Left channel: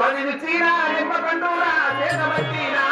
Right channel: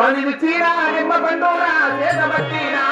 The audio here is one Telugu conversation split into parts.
స్వామి రుచిరా నిమ్మ పండురా చేతబట్టినా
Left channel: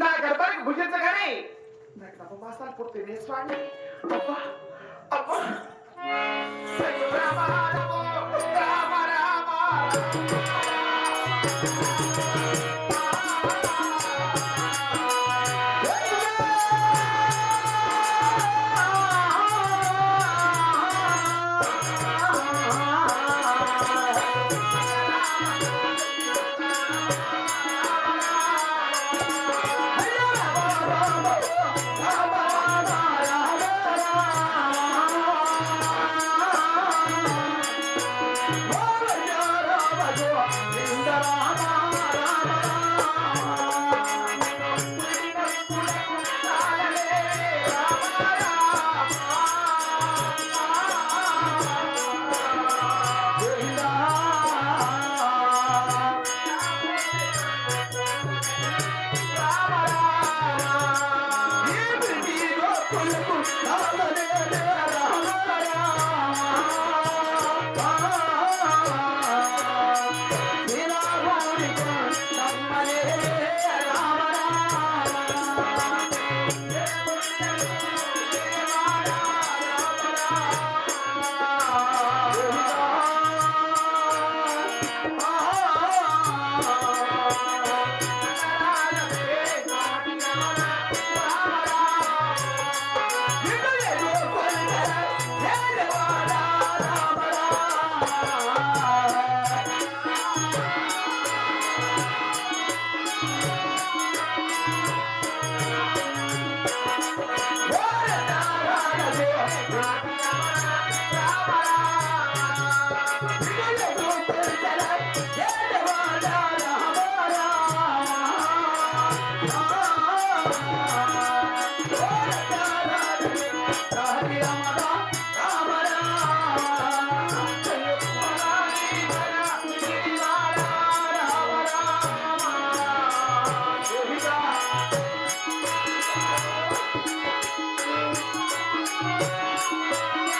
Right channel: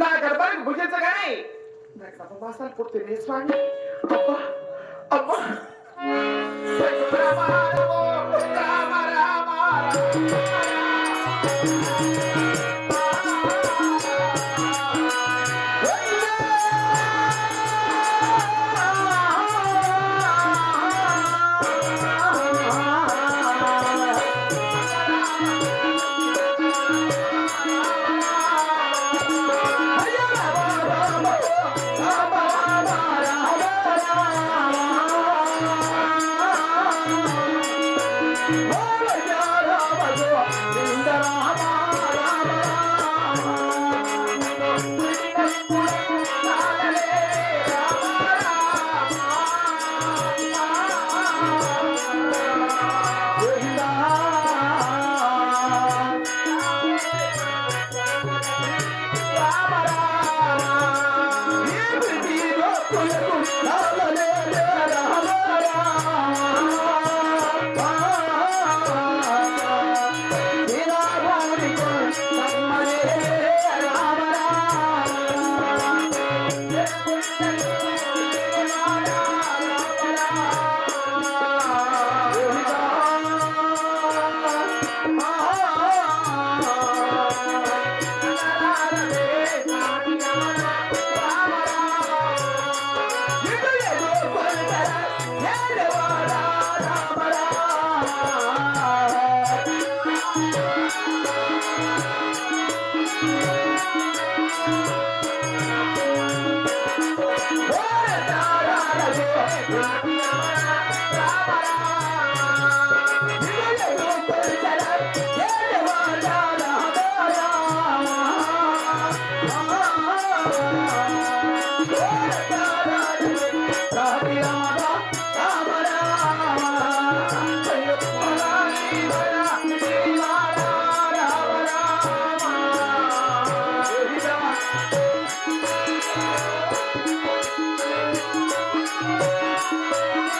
నా గర్భానికి భుజించగానే నా గర్భవాసన పుట్టింది స్వామి. అబ్బా అబ్బా రామ రామ రామ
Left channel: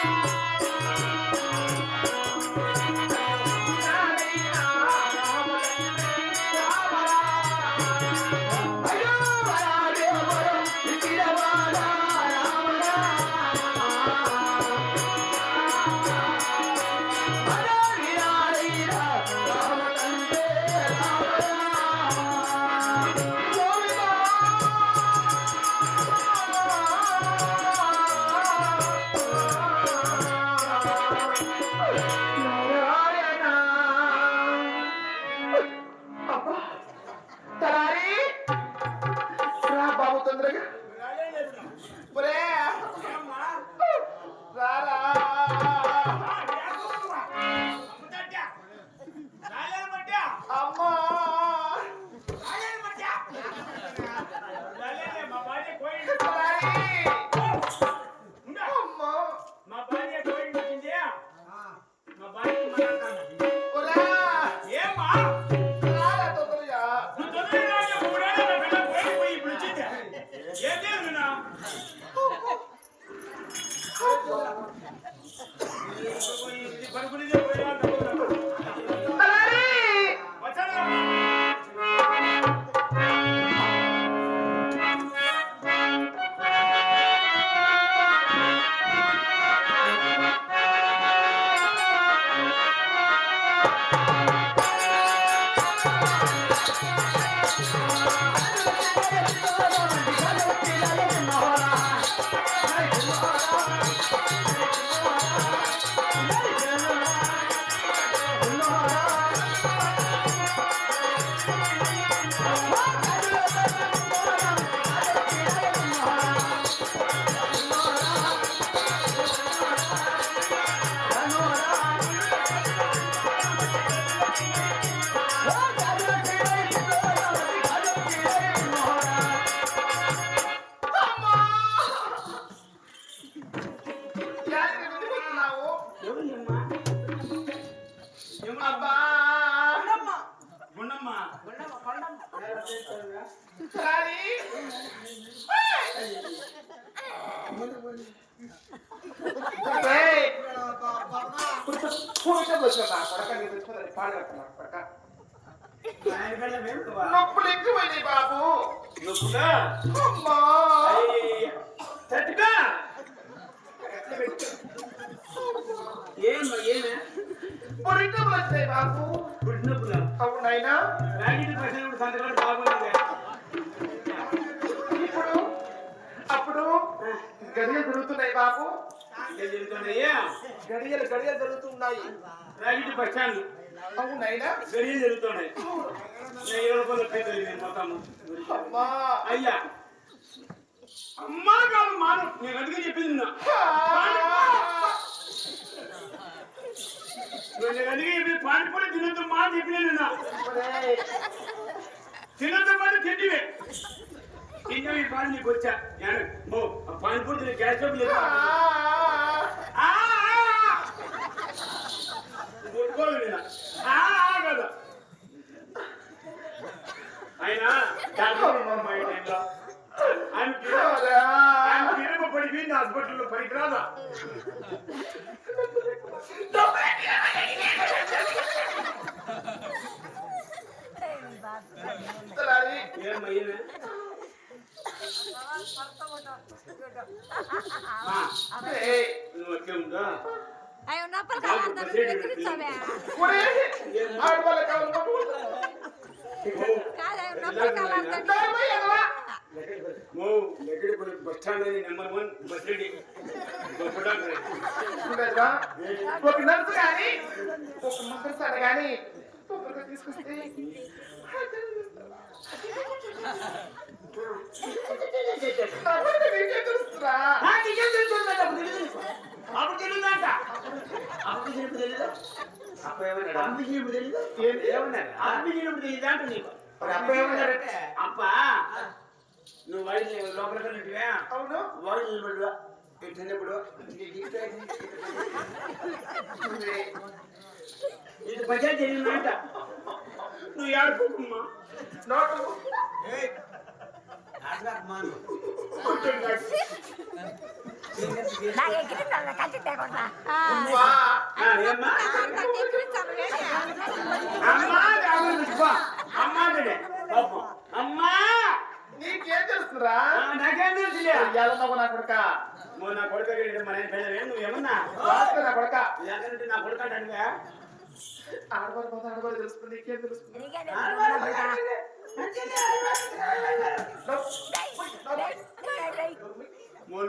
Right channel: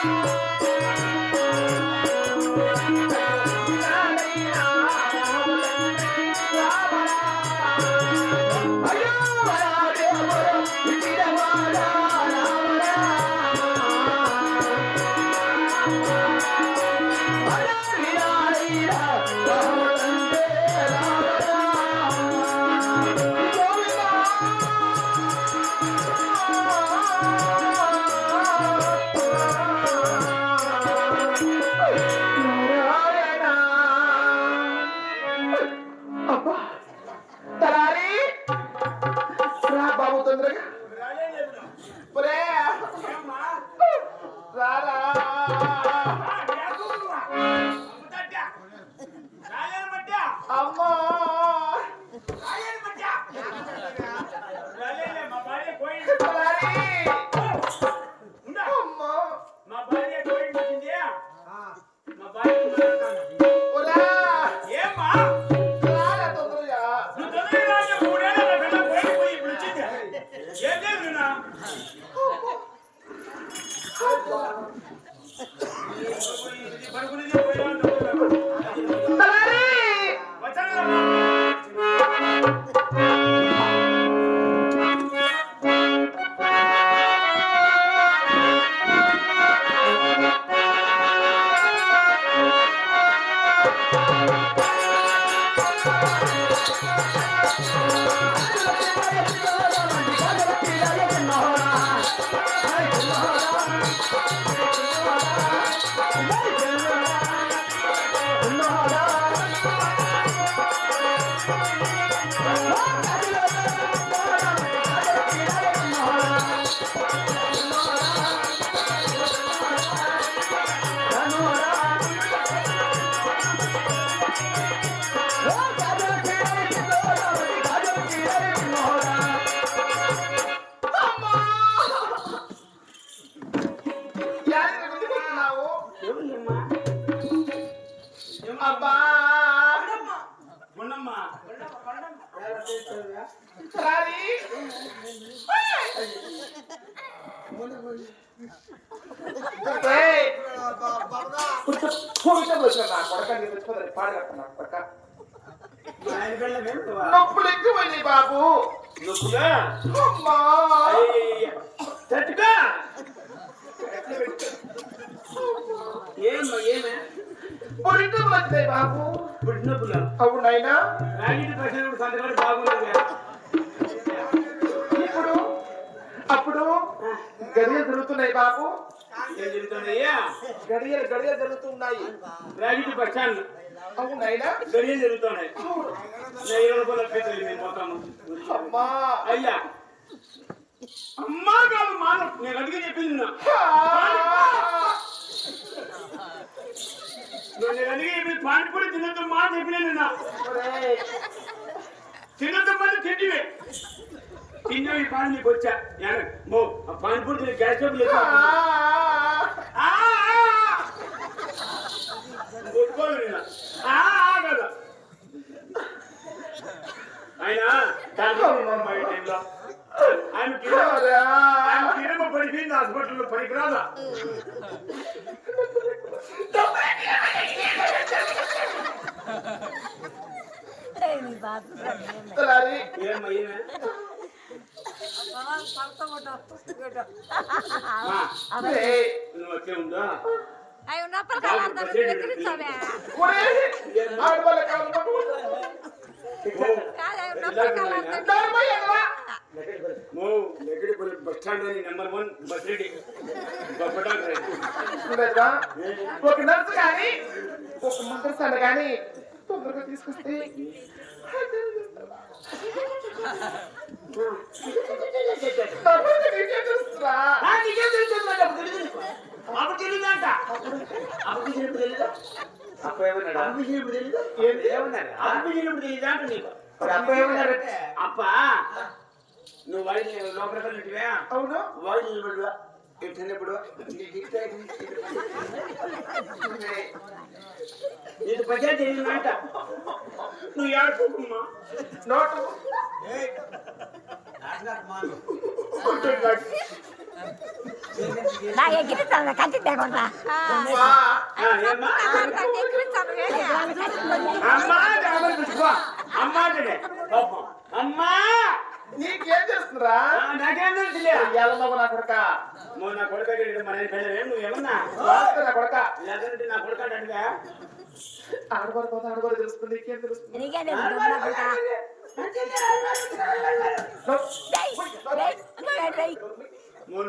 Thank you. అమ్మా నొప్పుడు ఎక్కువండి బాబు పురిటం వస్తాయి బాబు అవునైనా ఇప్పుడు అప్పుడు గడియలు జరుగుతున్నాయి బాబు గడియలు జరుగుతున్నాయి రాగిటి బస్ స్టాండ్ అవునైనా గడియలు జరుగుతున్నాయి 20 రూపాయల పైసలు మేము పోతాము అయ్యా అమ్మా కాదు మాను నేను అందుకే చెప్పింది నేను అందుకే చెప్పింది పానీపూరి తినొద్దు మా అని చెప్పిన నిన్న తినొద్దు మాట తిండివే తిన్నా ఈ పాలు నీకు వచ్చా ఆ పానీపూరి తిన గ్యాస్ స్టవ్ లేక కొట్టుకోదు నిన్న కదా ఆయన ఆమె కిరమ పడిపోయింది హాస్పిటల్లో పనికిరాదా నువ్వు ఉందా అయ్యో నప్పలు కాలంటారు ఎక్కిరిస్తావే కాదు నప్పలు కాలంటారు బస్ స్టాండ్ లోని నంబర్ 1 బస్ రెడ్డి ఒక నర్సు కానీ ఒక ముందరసాను కానీ తొందరగా తీసుకొస్తే అప్పుడు తెలియదంట అప్ప నువ్వు వైద్య లోపల వెళ్ళివా అవును వైద్య నిలబడువా ఎట్టినప్పుడు నీకు పంచాయతీ తెలియదంట నువ్వు ఆడుకోకుమ్మా నోటు నా ఎక్కిరిస్తాను కంచి తేకుండా అమ్మా నీకేం చేస్తురా నాకేం తెలుసులే నా కొడుక నువ్వు నా కొడుక మన పిల్లవే నువ్వేమన్నా నా కొడుక లేదంటే నా కొడుక అంటే ఆడబడిపోతే ఆడబడి తెలుస్తుంది నీకేం తెలుస్తుంది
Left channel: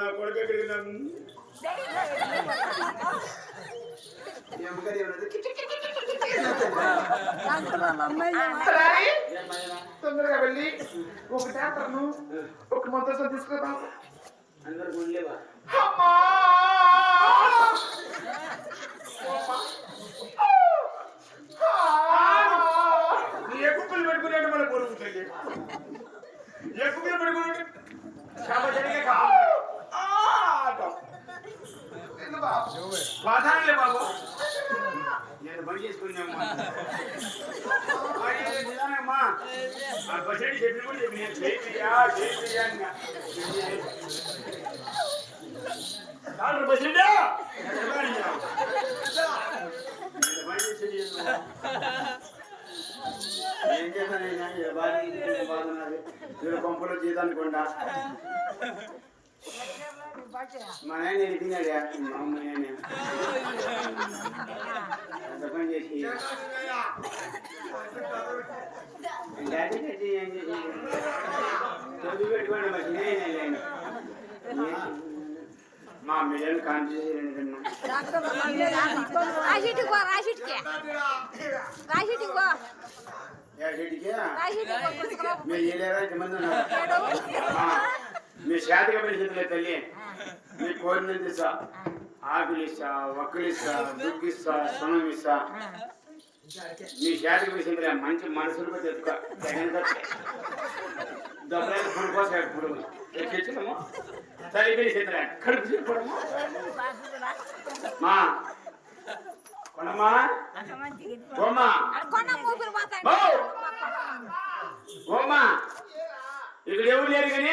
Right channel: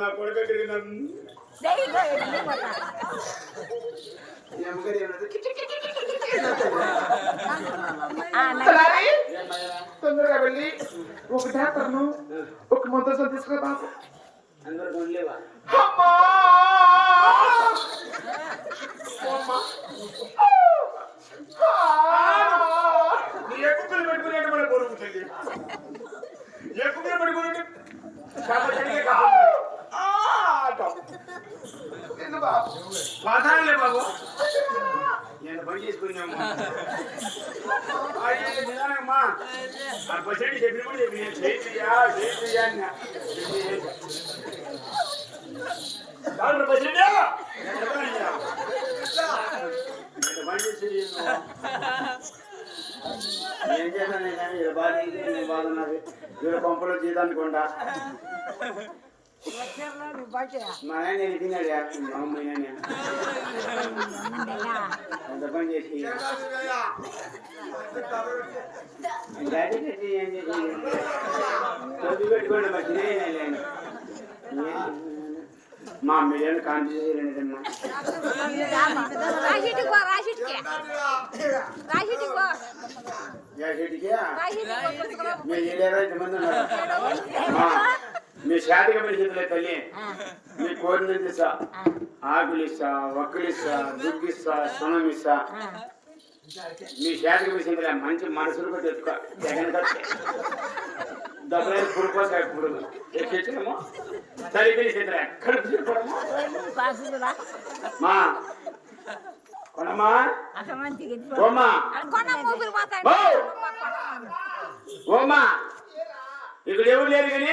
నా కొడుక తొందరగా వెళ్ళి ఒక డాక్టర్ను ఒక మొత్తం తీసుకురా అందరూ కొనలేవా పాతాలే బాబు నేను పని చేసుకున్నామ్మా నిజానమ్మా ఆ బస్ ఏంటి చెప్పిన కూడా చెప్పి నేను చేపియా డాక్టర్ బస్ ఏంటా పని చేసి ఏం చేశాను నేను బాధ ఉన్నది పంపులో జీతానుకోండా మా ఆయన నేను తిన్నాడు మా అమ్మ పని చేసి మా మీరు కాంతి రాసిటికి పో రాసిటికి మీ శాతకి పని చేతులే తల్లి మీ కోరిన ఇస్తా ఆకులు ఇస్తా ఒక్కలు ఇస్తా దుగ్గు ఇస్తా సున్నం ఇస్తా మీ శాతకి పని మంచి మనసులు తెచ్చుకో డబ్బులు పురుకోసా ఇప్పుడు తెచ్చుకోము తల్లికి చేతులే కడుపు చెప్పుకోవడము మా కొనమ్మా ఓమ్మా ఇక్కడ ఎవరు లేరు కానీ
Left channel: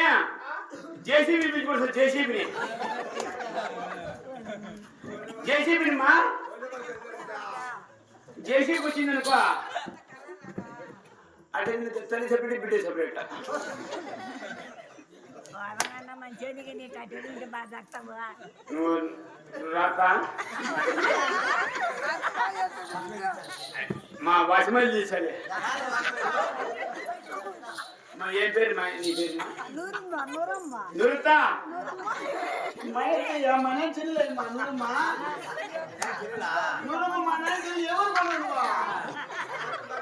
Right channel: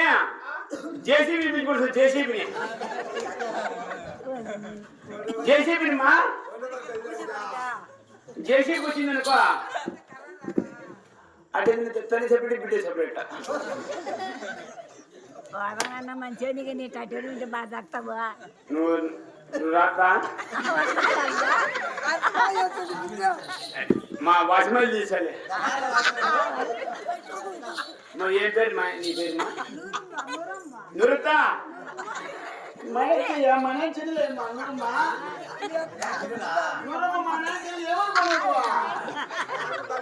జేసీబీ పిలుచుకోవచ్చు జేసీబీని మా జేసీబీ వచ్చింది అనుకో అంటే తల్లి సెపరేట్ బిడ్డ సెపరేట్ మంచిగా నీ కట్టెలు ఉంటే బాగా తక్కువ నువ్వు రాక మా వాచ్మెన్ తీసాలే మా ఏ పేరు మా నీ పేరు మా నురుతా మన చెల్లె మా నురుమా నురమ్మ మన చెల్లి ఎవరు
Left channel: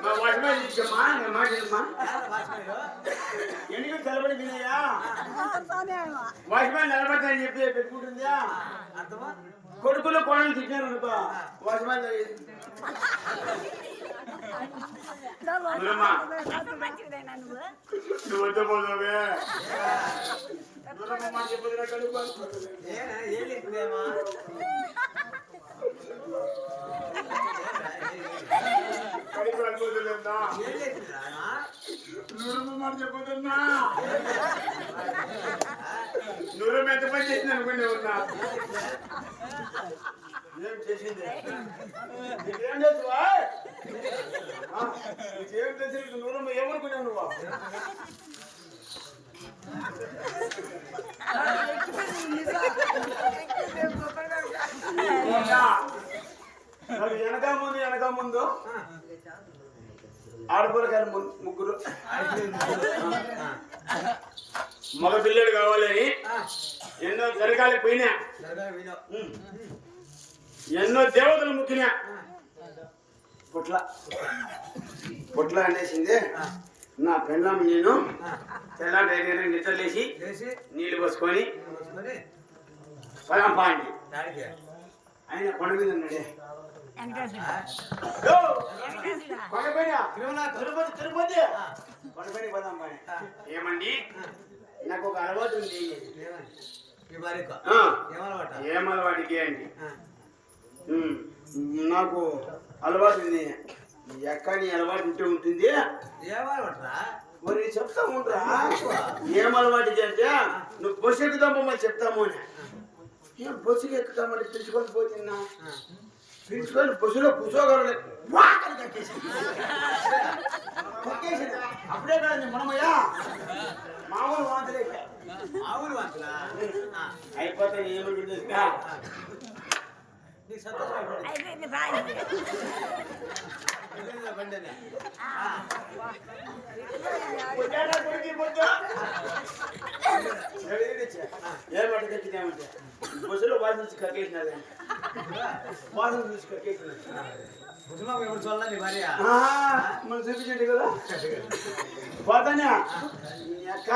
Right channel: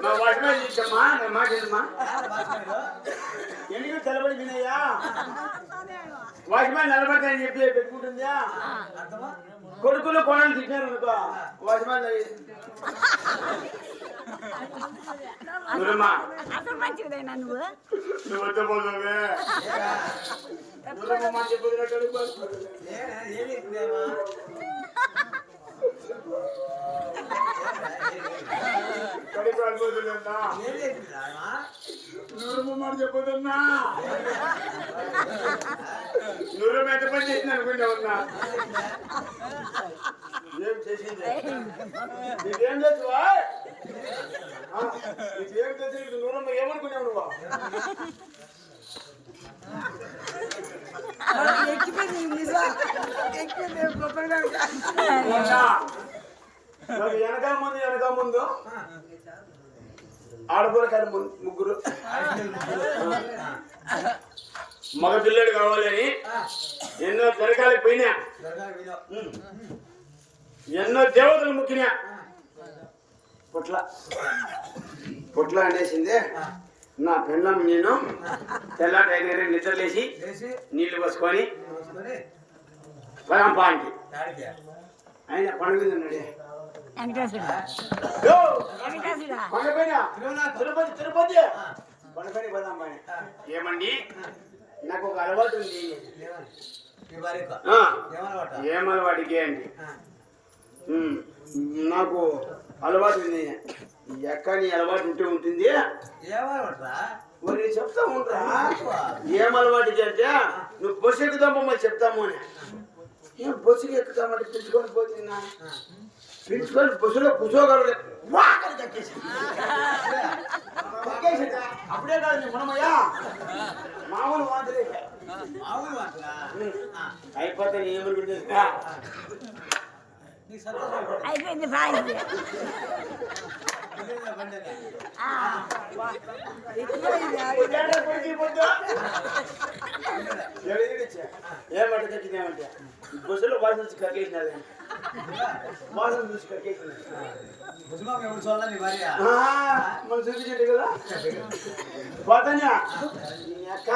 మా వాచ్మెన్ తీసమ్మా మా మాట ఎందుకు తెలబడి వినయ్యా వాచ్మెన్ నిలబడతాయని చెప్పి పెట్టుకుంటుందా కొడుకులు కోణాలు తిట్టారు అనుకో వాచ్మెన్ మంచిదేనా నువ్వు కడుపు అనుకోలేదా నూరమ్మ మాట చెప్పదన్నా నూరమ్మ ఎంత పని చేసింది అనుకునే ఉన్నా ఏం చేసింది నీకేం చేస్తావా నీకేం చేసి నూరమ్మ ఏమనుకున్నావు నువ్వు వెనక ముందు ఆడపిల్లకాయలు ముగ్గురు మగ పిల్లడు కావాలని ఎన్నో దరగాలకు పోయినా ఎన్నో దేవతలు ముక్కినా పుట్ల అనేసింది నా పెళ్ళాం నేను తెల్లారి 5 గంటలకు నిద్రలేసి నీళ్లు పోసుకొని పరంపానికి ఆయన కొండ మీద ఉన్నాడే తిరుపతి కొండపైన పదాం పని ఏమండి నాకు ఒక అలవాటు ఉంది ఏం అలవాటుకి అండి నాకు అలవాటు ఉంది ఎక్క నీ అలవాటు ఉంటే ఉంటుంది మరి చెప్తా ఉంటా ఏం అలవాటుకి అంటే నువ్వు బస్సు ఎక్కుదామో చెప్తాము అని నేను బస్సుకి ఎక్కుతామంటే పిలుచుకొని పోతున్నా పిలుచుకొని బస్సులో కూర్చోగలరు అప్పుడే కాదు మనమయ్యా మామూలు వాంతలే అయిపోతాను ఏమనుకుంటే ఏమంటే కక్కిదేమంటే బస్సులో వాసన చూసి కక్కేసినారు వాసన చూసి కక్కేసిన మనం చూపించండి కదా పోతానా అక్క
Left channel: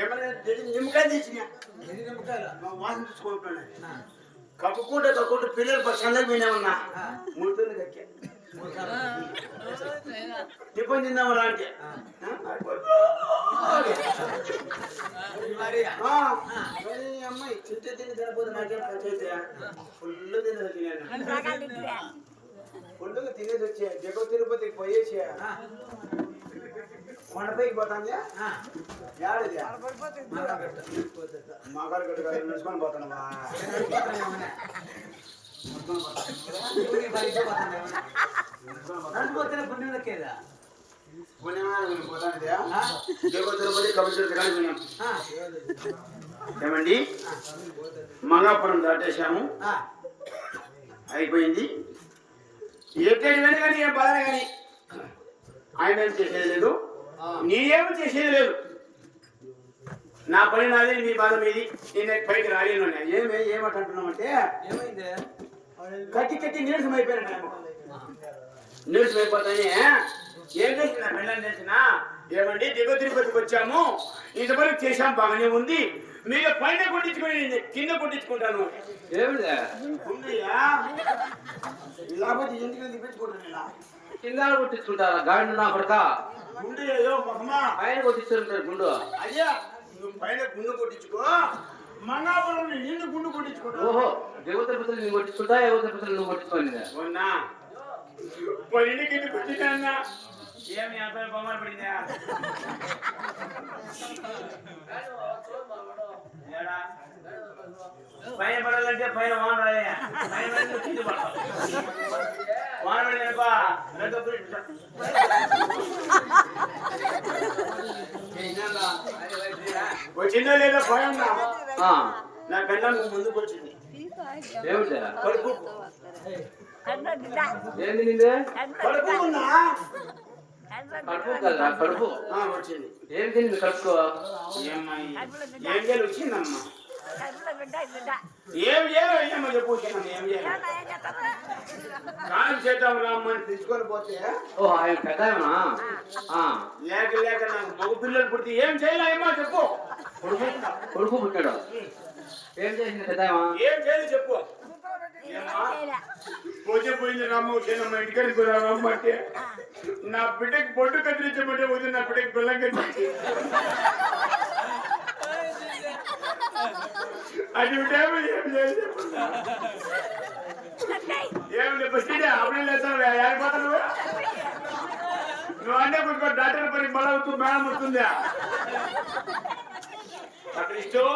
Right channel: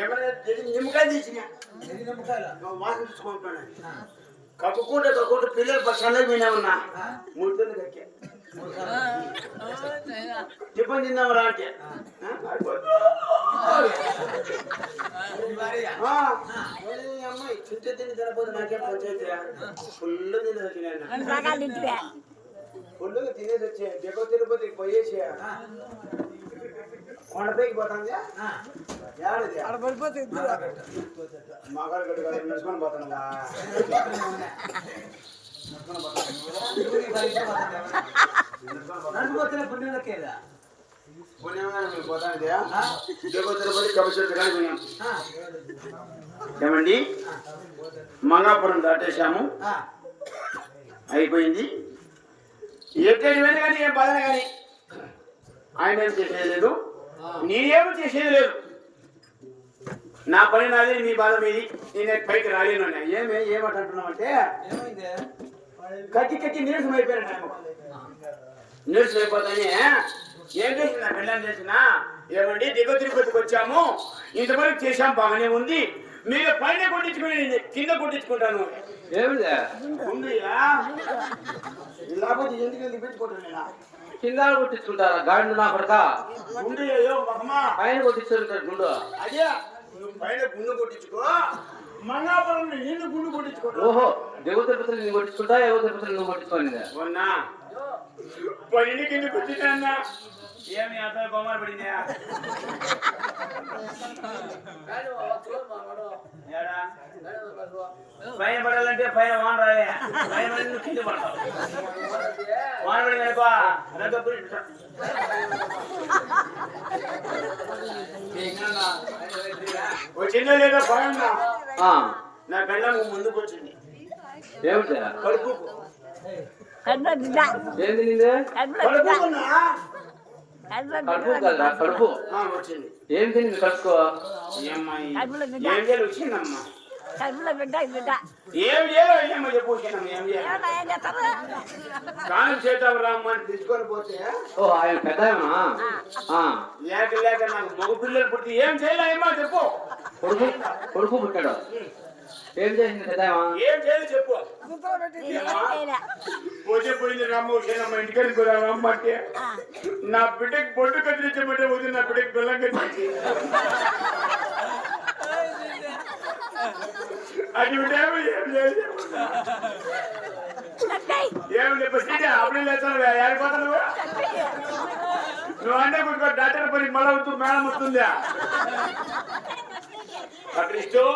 ఏమైనా నిమ్మకాయ తెచ్చిన వాసన చూసుకుంటున్నాను కక్కుకుంటే పిల్లలు సందర్భం విన్నా 3 తొందర కక్కే టిఫిన్ తిందాం రా అంటే అమ్మాయి తింటే తిని తినపోతే నాకే పంచాయతీ ఫుల్ తినేసి వచ్చినా ఫుల్గా తినేసి వచ్చా దిగో తిరుపతికి పోయేసి కొండపైకి పోతాంది ఏడది మాకాడ గడ్డ కదా నడుచుకొని పోతాను ఏమండి మంగాపురం దాటేశాము అయిపోయింది ఎక్కడి వెళ్ళి కానీ ఏం బాధన కానీ ఆయన ఏం చేసేది లేదు నేనేమో చేసేది లేదు నా పని నాది మీ బాధ మీది నేను పైకి రాలేను ఏమంటున్నావు అంటే కట్టి నీరసం అయిపోయాను నీరసం అయిపోతాని ఏం చేసిన పిల్లలు చేసిన ఏమండి దిగ తిరుపతికి వచ్చాము ఇంతవరకు చేశాం బాగానే ఉంది మీరు పైన కొట్టించుకుని కింద కొట్టించుకుంటాను లేకపోతే ఎందుకు దిప్పించుకుంటున్నా కింద కొట్టించుకుంటారా గాడి నా పడక గుండు ఏదో మొహమా పైన కొట్టించుకుంటారు గుండు అదే నువ్వు పైన గుండు కొట్టించుకో మంగాపురం నిన్ను గుండు కొట్టించుకుంటా ఓహో దేవ తిరుపతిని నేను కొట్టించుకుంటా దేవ తిరుపతిని నువ్వు కొట్టించుకోండి మొన్నా పైన కింద కొట్టించానా ఏమి అబ్బాయి బొమ్మలు పడిందా పైన పడాలంటే పైన వాన రాయా పైన పడి కింద పడతావు వాన పడింది అనుకో వచ్చిందా లేదా పోయిందా నా పిల్లలు ముందుకు వచ్చింది కడుపు ఏంది నిందే కడుపుకున్నా కడుపు కదా కడుపు వచ్చింది ఏం తింది కడుపు ఏం చేయాలి వచ్చిందమ్మా ఏం చేయాలి అయ్యమ్మ చెప్పు ఏం చేయాలి స్నానం చేద్దాం రామ్మని తీసుకొని పోతే ఓ ఆయన పెద్దనా లేక లేక నాకు మగ పిల్లలు పుడితే ఏం చేయాలి అయ్యమ్మ చెప్పు కొడుకు పుట్టాడు ఏం చేసింది పెద్దమా ఏం చేయాలి చెప్పు పోతే పోయింది రామ్మ వచ్చినమ్మ ఇంటికి కూడా రామ్మ అంటే నా బిడ్డకి బొడ్డు కదిలించమంటే వదిలి నా బిడ్డకి పిల్లం కదిలించి అది ఏం చేయాలి ఏం లేదు అప్పుడే లేచాను ఆగిపోతున్నావు నువ్వు అంటే కొంచెం డాక్టర్ పని మళ్ళీ అవుతుంది మేడం వస్తుంది అక్కడ ఇష్టం